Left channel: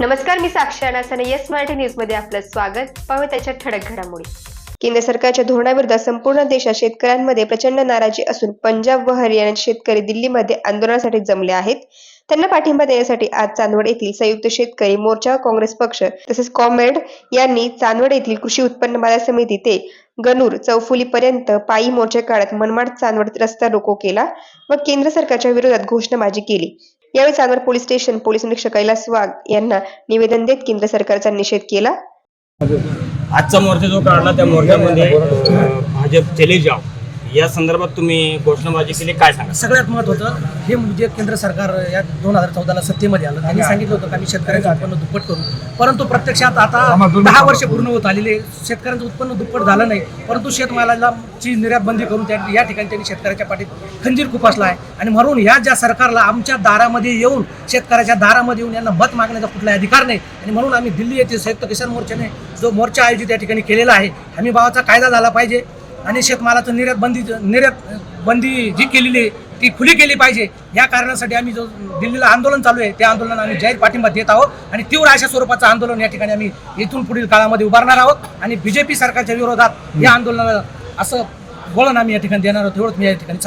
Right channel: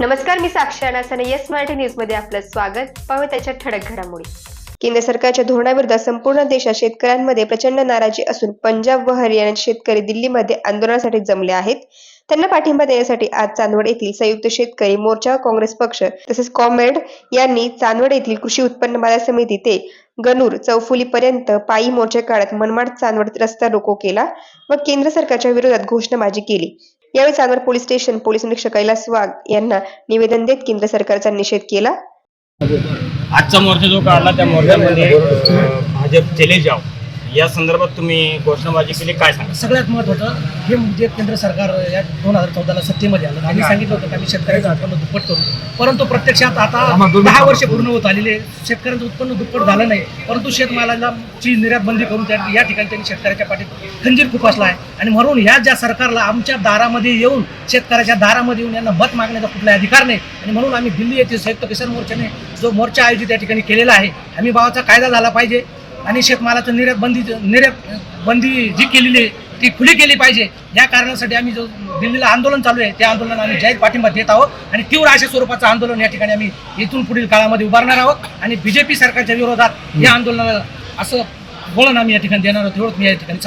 नमस्कार, मी साक्षी अनासने yes Marathi news मध्ये आपलं स्वागत. पाहू त्याच्या ठळक घडामोडी. केंद्र सरकारच्या धोरणाविरुद्ध संपूर्ण देशात शेतकऱ्यांमध्ये प्रचंड नाराजी असून पंजाब व हरियाणाचे शेतकरी दिल्लीमध्ये आंदोलनासाठी जमले आहेत. त्यांना पाठिंबा देण्यासाठी आज चांदवड येथील संयुक्त शेतकरी मोर्चा, काँग्रेस पक्ष तसेच कॉम्रेड यांनी चांदवड येथील कृषी उत्पन्न बाजार समिती ते गणूर चौफुलीपर्यंत पायी मोर्चा काढत मनमाड चांदवड रस्ता रोको केला व केंद्र सरकारच्या विरोधात घोषणाबाजी केली. यावेळी चांदवड पोलीस स्टेशन पोलीस निरीक्षक कैलास वाघ यांना निवेदन देत केंद्र सरकारचा निषेध केला. आजचा मोर्चा जो काढला त्या मोर्चामध्ये भाजप चले जाव या संदर्भात तुम्ही घोषणाबाजी केली, काय सांगा? सगळ्यात महत्त्वाचं हे म्हणजे केंद्र सरकार या 2014ला सत्तेमध्ये आलं. त्यांनी सांगितलं होतं की आम्ही शेतकऱ्यांचं उत्पन्न दुप्पट करू, परंतु प्रत्यक्षात आता 10 वर्ष पूर्ण होत आलेले शेतकऱ्यांचं उत्पन्न दुप्पट झालं नाही. परंतु शेतमालाला ची निर्यात बंदी करून या ठिकाणी त्यांनी शेतकऱ्याच्या पाठीत खंजीर खुपसला आहे. आणि म्हणून ह्या ज्या सरकारला आमच्या दारामध्ये येऊन शेतकऱ्याच्या दारामध्ये येऊन यांना मत मागण्याचा कुठलाही अधिकार नाही. आणि म्हणून आम्ही दिल्ली येथील संयुक्त किसान मोर्चाने जो मोर्चा आयोजित या ठिकाणी केलेला आहे, हमी भावाचा कायदा झाला पाहिजे आणि शेतमालाचं निर्यात बंदी जी केलेली आहे ती खुली केली पाहिजे. या कारणासाठी आम्ही जो दिल्लीला आंदोलन चालू आहे त्या आंदोलनाला आम्ही जाहीर पाठिंबा देत आहोत आणि तीव्र अशा स्वरूपाचं आंदोलन या ठिकाणी आम्ही इथून पुढील काळामध्ये उभारणार आहोत आणि बीजेपी सरकारच्या विरोधात या आंदोलनाला असं वळण आम्ही या ठिकाणी देणार आहोत. एवढंच मी या ठिकाणी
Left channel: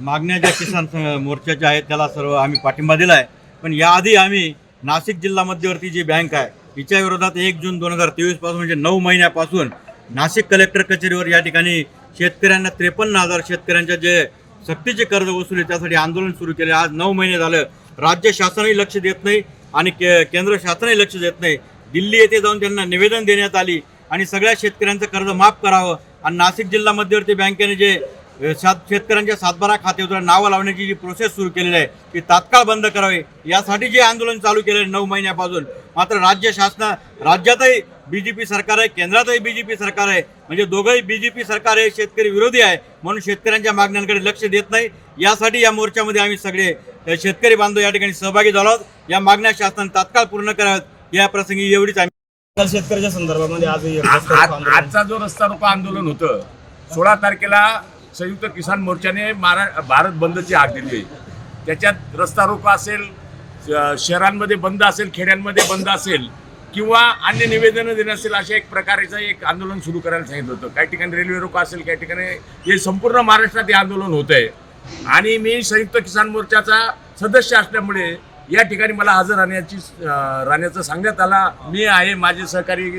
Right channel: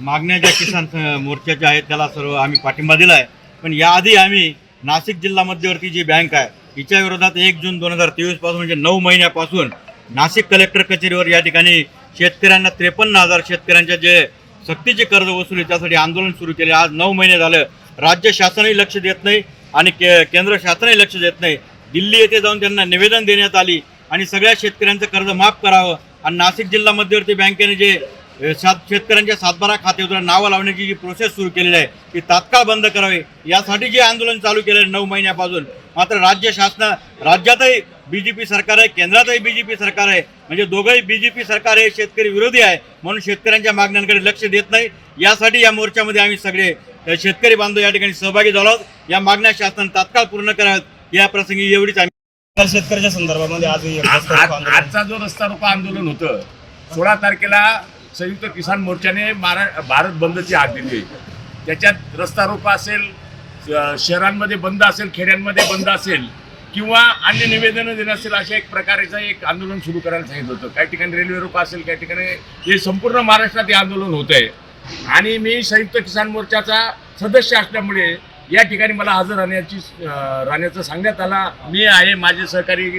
मागण्या ज्या किसान मोर्चाच्या आहेत त्याला सर्व आम्ही पाठिंबा दिला आहे. पण याआधी आम्ही नाशिक जिल्हा मध्यवर्ती जी बँक आहे तिच्या विरोधात 1 जून 2023 पासून म्हणजे 9 महिन्यापासून नाशिक कलेक्टर कचेरीवर या ठिकाणी शेतकऱ्यांना 53,000 शेतकऱ्यांच्या जे सक्तीचे कर्ज वसुली त्यासाठी आंदोलन सुरू केले. आज 9 महिने झालं राज्य शासनही लक्ष देत नाही आणि केंद्र शासनही लक्ष देत नाही. दिल्ली येथे जाऊन त्यांना निवेदन देण्यात आली आणि सगळ्या शेतकऱ्यांचं कर्ज माफ करावं आणि नाशिक जिल्हा मध्यवर्ती बँकेने जे शेतकऱ्यांच्या सातबारा खात्यावर नावं लावण्याची जी प्रोसेस सुरू केलेली आहे ती तात्काळ बंद करावी यासाठी जे आंदोलन चालू केलं आहे 9 महिन्यापासून. मात्र राज्यातही बीजेपी सरकार आहे, केंद्रातही बीजेपी सरकार आहे, म्हणजे दोघंही बीजेपी सरकार आहे, शेतकरी विरोधी आहे, म्हणून शेतकऱ्यांच्या मागण्यांकडे लक्ष देत नाही. यासाठी या मोर्चामध्ये आम्ही सगळे शेतकरी बांधव या ठिकाणी सहभागी झालो आहोत. या मागण्या शासनाने तात्काळ पूर्ण कराव्यात या प्रसंगी एवढीच आम्ही शेतकऱ्याच्या संदर्भामध्ये आजचा जो रस्ता रोको आंदोलन होतं 16 तारखेला संयुक्त किसान मोर्चाने भारत बंदची हाक दिली. त्याच्यात रस्ता रोको असेल, शहरांमध्ये बंद असेल, खेड्यांमध्ये बंद असेल किंवा अन्य निवेदनं देणं असेल, अशा एक प्रकारचं एक आंदोलन सुरू करायला सांगितलं होतं. काही ठिकाणी रेल्वे रोको असेल, काही ठिकाणी हे संपूर्ण महाराष्ट्रात हे आंदोलन होत आहे. आणि मी संयुक्त किसान मोर्चाचा सदस्य असल्यामुळे या ठिकाणी मला हजर राहण्याचं सांगण्यात आला. मी आहे, माझे सहकारी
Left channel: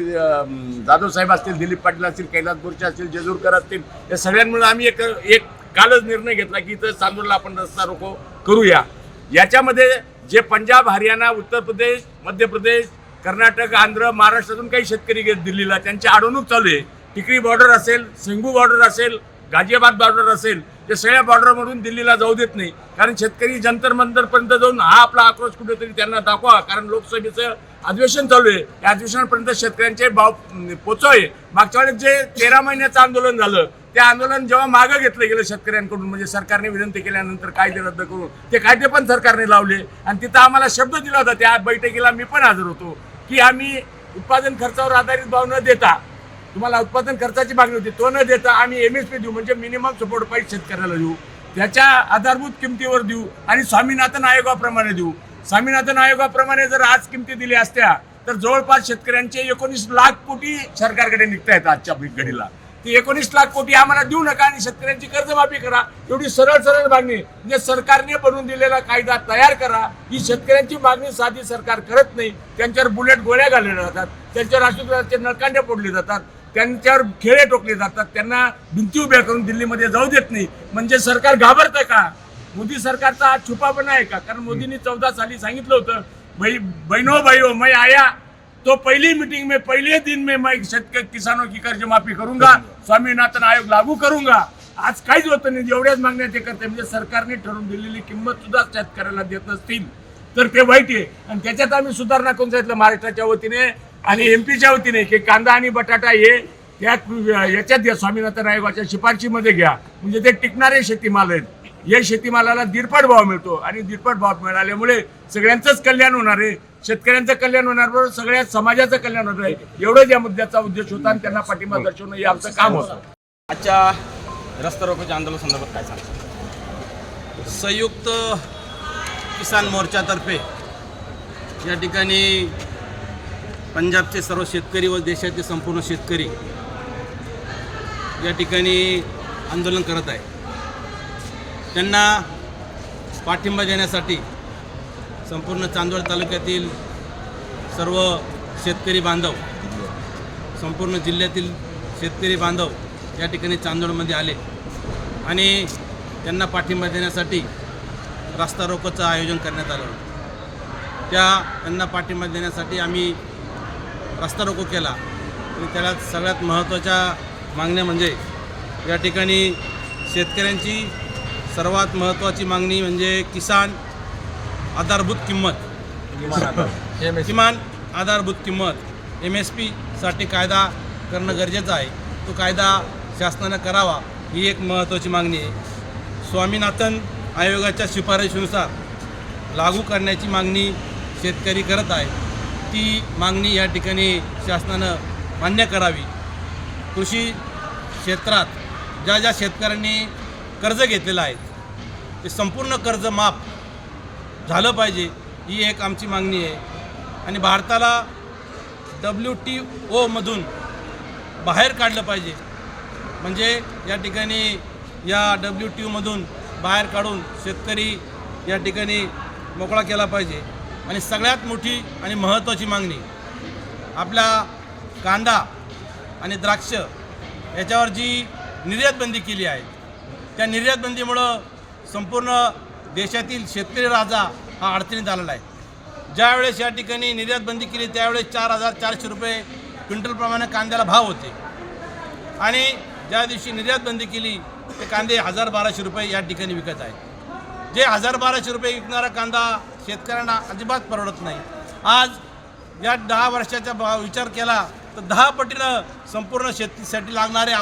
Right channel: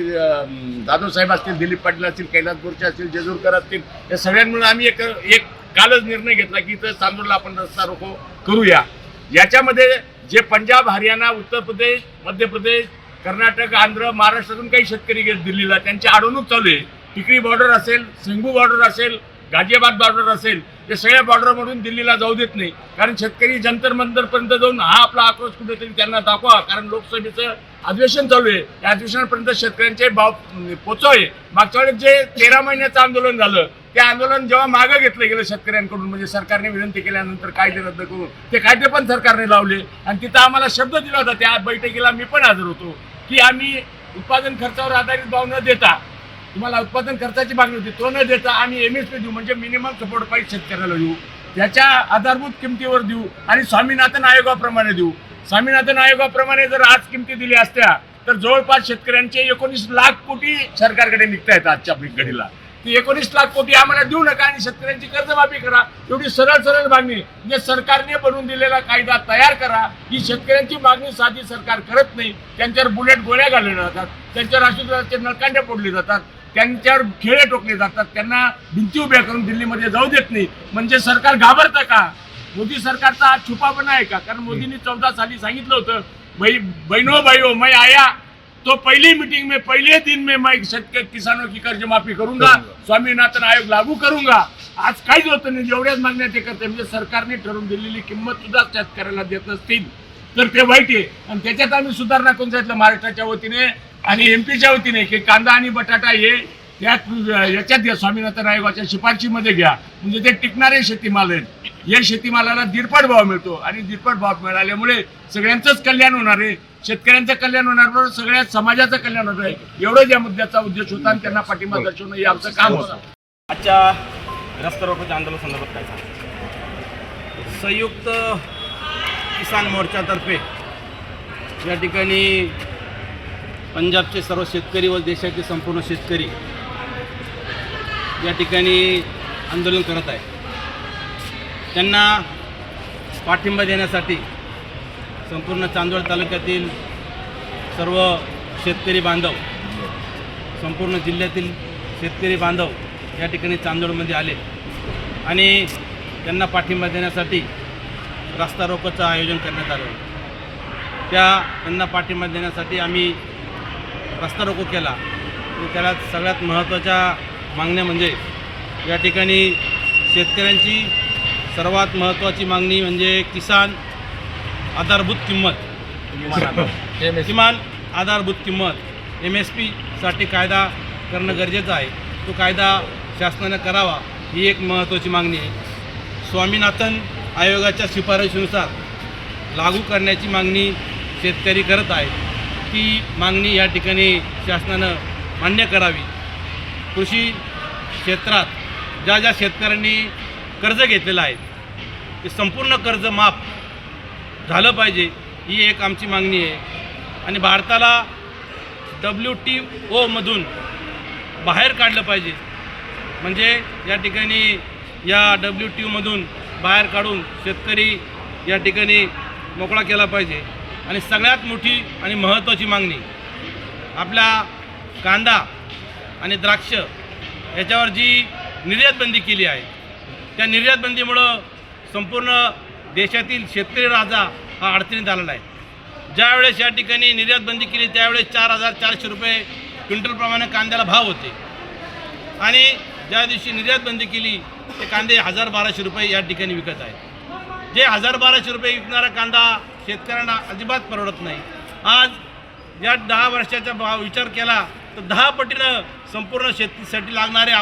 जाधव साहेब असतील, दिलीप पाटील असतील, कैलास गोरचे असतील, जेजूरकर असतील, या सगळ्यांमुळे आम्ही एक कालच निर्णय घेतला की इथं चांदूरला आपण रस्ता रोको करूया. याच्यामध्ये जे पंजाब, हरियाणा, उत्तर प्रदेश, मध्य प्रदेश, कर्नाटक, आंध्र, महाराष्ट्रातून काही शेतकरी गेले दिल्लीला, त्यांची अडवणूक चालू आहे. टिकरी बॉर्डर असेल, सिंगू बॉर्डर असेल, गाझियाबाद बॉर्डर असेल, ते सगळ्या बॉर्डरमधून दिल्लीला जाऊ देत नाही. कारण शेतकरी जंतर मंतरपर्यंत जाऊन हा आपला आक्रोश कुठेतरी त्यांना दाखवा. कारण लोकसभेचं अधिवेशन चालू आहे, त्या अधिवेशनापर्यंत शेतकऱ्यांचे भाव पोचवावे. मागच्या वेळेस जे 13 महिन्याचं आंदोलन झालं त्या आंदोलन जेव्हा मागं घेतलं गेलं शेतकऱ्यांकडून, म्हणजे सरकारने विनंती केल्यानंतर कायदे रद्द करून ते कायदे पण सरकारने लावले आणि तिथं आम्हाला शब्द दिला होता, त्या बैठकीला मी पण हजर होतो, की आम्ही उत्पादन खर्चावर आधारित भाव न देता, तुम्हाला उत्पादन खर्चाची मागणी होती तो न देता आम्ही MSP देऊ, म्हणजे मिनिमम सपोर्ट प्राईस शेतकऱ्याला देऊ, त्याच्या आधारभूत किमतीवर देऊ आणि स्वामीनाथन आयोगाप्रमाणे देऊ. स्वामीनाथन आयोगाप्रमाणे जर आज किमती दिल्या असत्या तर जवळपास शेतकऱ्यांचे 19 लाख कोटी सरकारकडे निघता येतात आजच्या घडीला. ती 19 लाख कोटी आम्हाला देऊ नका आणि शेतकऱ्यांची कर्जमाफी करा, एवढी सरळ मागणी. म्हणजे सरकारने बनवून दिलेला कायदा तयार करा. ही शेतकऱ्यांची मागणी साधी सरकार करत नाही. त्यांच्यावर बुलेट गोळ्या घालल्या जातात, त्यांच्यावर राष्ट्रपती नळकांड्या फोडली जातात, त्यांच्यावर खेळे टोकले जातात, त्यांना भिंती उभ्या करून दिल्लीमध्ये जाऊ देत नाही. म्हणजे सरकार घाबरतं का? मोदी सरकारचा हा छुपापणा आहे का? कारण मोदींनी 14 साली सांगितलं होतं, बहनों भाइयों मैं आया तो पहली मीटिंग में पहले दिन में मैं किसानों की कर्ज माफी करूंगा, स्वामीनाथन आयोग लागू करूंगा. आज काहीच होतं नाही, एवढ्याच मागण्या ते करते. म्हणजे सरकारने ठरवून दिलेली किंमत सुद्धा शेतकऱ्याला देत नसतील तर ते वाईट आहे. आणि त्याच्यात आम्ही सुधारणा करून सांगितलं महाराष्ट्राच्या वतीने आणि MPच्या वतीने की कांदा आणि बटाटा हे याच्यात घ्या, स्वामीनाथन आयोगाच्या शिफारशीमध्ये घ्या, म्हणजे ते टिकणारे शेतीमाल आहेत. या शेतीमालाला दीडपट भाव मिळतो आणि दीडपट भाव मिळाल्यामुळे सगळ्यांचंच कल्याण होणार आहे, शेतकऱ्यांचं कल्याण होणार, बरोबर सगळ्या समाजाचं कल्याण होणार आहे. एवढंच या मुद्द्याचा उद्देश होता आणि त्यांना पाठिंबा दर्शवणं हे आमचं काम होतं. आजच्या रस्ता रोकोच्या आंदोलन संदर्भात काय सांगा? संयुक्त किसान मोर्चातर्फे या ठिकाणी पंजाबचे सर्व शेतकरी व देशाचे संपूर्ण शेतकरी या ठिकाणी आंदोलन करत आहे. त्यांना पाठिंबा देण्यासाठी संपूर्ण चांदवड तालुक्यातील सर्व शेतकरी बांधव, संपूर्ण जिल्ह्यातील शेतकरी बांधव या ठिकाणी चांदवडमध्ये आले आणि त्यांना पाठिंबा देण्यासाठी रास्ता रोकोचं आयोजन करण्यात आलं होतं. त्यांना पाठिंबा देण्यासाठी आम्ही रस्ता रोको केला आणि त्याला सगळ्यात महत्त्वाच्या मागण्या म्हणजे या ठिकाणी शेतकऱ्यांची सर्वात महत्त्वाची मागणी म्हणजे किसान आधारभूत किंमत, किमान आधारभूत किंमत MSP साठी कायदा करणं गरजेचं आहे. तो कायदा शासनानं करावा ही एक महत्त्वाची मागणी आहे. स्वामीनाथन आयोगाच्या शिफारशीनुसार लागू करण्याची मागणी शेतकरी करत आहे. ती मागणी या ठिकाणी शासनानं मान्य करावी. कृषी क्षेत्रात ज्या ज्या शेतकऱ्यांनी कर्ज घेतलेलं आहे ते संपूर्ण कर्ज माफ झालं पाहिजे ही एक आमची मागणी आहे. आणि भारताला WTOमधून बाहेर काढलं पाहिजे. म्हणजे या ठिकाणी या WTOमधून बाहेर काढून शेतकरी या ठिकाणी मोकळा केला पाहिजे. आणि सगळ्यात मोठी आणि महत्त्वाची मागणी आपल्या कांदा आणि द्राक्ष याच्यावर जी निर्यात बंदी केली आहे त्या निर्यात बंदीमुळं संपूर्ण देशातील शेतकरी राजा हा अडचणीत आलेला आहे. ज्यावेळेस या ठिकाणी निर्यात बंदी केली त्यावेळेस 4,400 रुपये क्विंटलप्रमाणे कांद्याला भाव होते आणि ज्या दिवशी निर्यात बंदी केली ते कांदे 1,000-1,200 रुपये या ठिकाणी विकत आहे. जे 1,000-1,200 रुपये विकणारा कांदा शेतकऱ्यांना अजिबात परवडत नाही. आज या 10 वर्षाचा विचार केला तर 10 पटीनं संपूर्ण शेतीसाठी लागणारे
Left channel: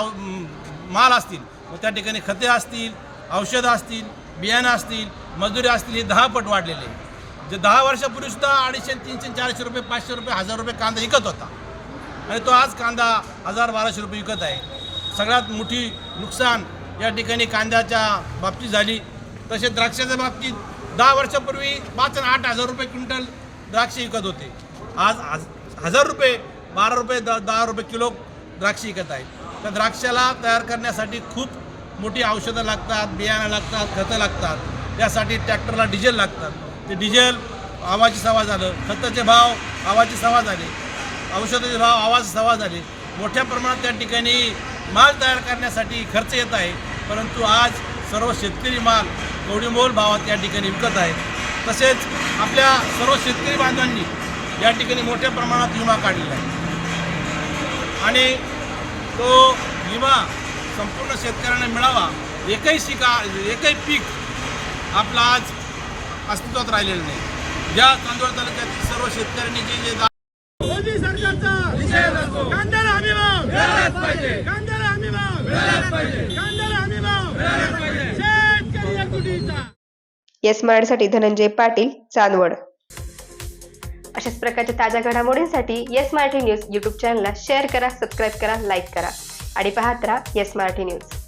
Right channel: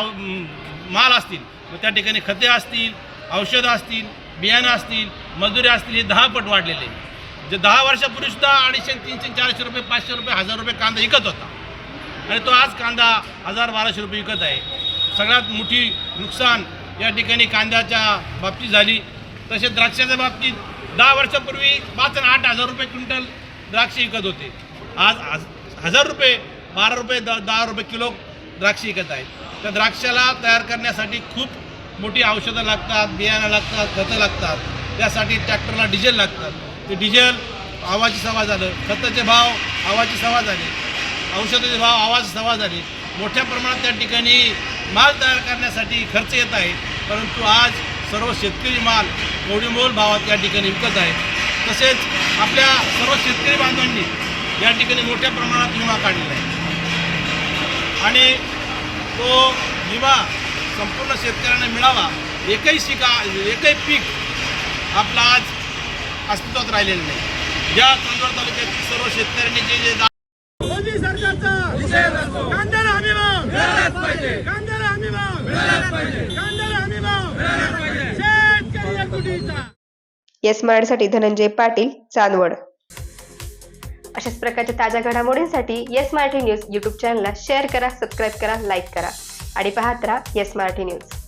माल असतील, मग त्या ठिकाणी खते असतील, औषधं असतील, बियाणं असतील, मजुरी असतील, हे 10 पट वाढलेले. जे 10 वर्षापूर्वीसुद्धा 250, 300, 400 रुपये, 500 रुपये, 1,000 रुपये कांदा विकत होता आणि तो आज कांदा 1,000-1,200 रुपये विकत आहे. सगळ्यात मोठी नुकसान या ठिकाणी कांद्याच्या बाबतीत झाली. तसेच द्राक्षाच्या बाबतीत 10 वर्षापूर्वी 5 आणि 8,000 रुपये क्विंटल द्राक्ष विकत होते. आज 1,000 रुपये, 12 रुपये, 10 रुपये किलो द्राक्ष विकत आहेत. त्या द्राक्षाला तयार करण्यासाठी खूप मोठी औषधं लागतात, बियाणं लागतात, खतं लागतात. त्यासाठी ट्रॅक्टरला डिझेल लागतात. ते डिझेल आवाजी सवा झालं, खताचे भाव आवाजी सवा झाले, औषधाचे भाव आवाज सवा झाले. मोठ्या प्रमाणात त्या ठिकाणी माल तयार करण्यासाठी खर्च येत आहे. परंतु आज सर्व शेतकरी माल कवडीमोल भावात या ठिकाणी विकत आहे. तसेच आपल्या सर्व शेतकरी बांधवांनी या ठिकाणी मोठ्या प्रमाणात विमा काढलेला आहे आणि तो विमा संपूर्ण शेतकऱ्यांना मिळावा. एकही पीक आपला आज अस्तित्वात राहिलेलं नाही. ज्या चांदवड तालुक्यातील सर्व शेतकऱ्यांनी जे मोदी सरकारचा कांद्याला हमी भाव मिळालाच पाहिजे, कांद्याला हमी भाव मिळालाच पाहिजे, कांद्याला हमी भाव मिळालाच पाहिजे. शेतकरी एकजुटीचा. येस मराठीसाठी धनंजय पाटील, चांदवड. अशाच प्रकारच्या ताज्या घडामोडींसाठी येस मराठी न्यूज YouTube चॅनलला शेअर करा, सबस्क्राईब करा, लाईक करा आणि पाहत राहा येस मराठी न्यूज.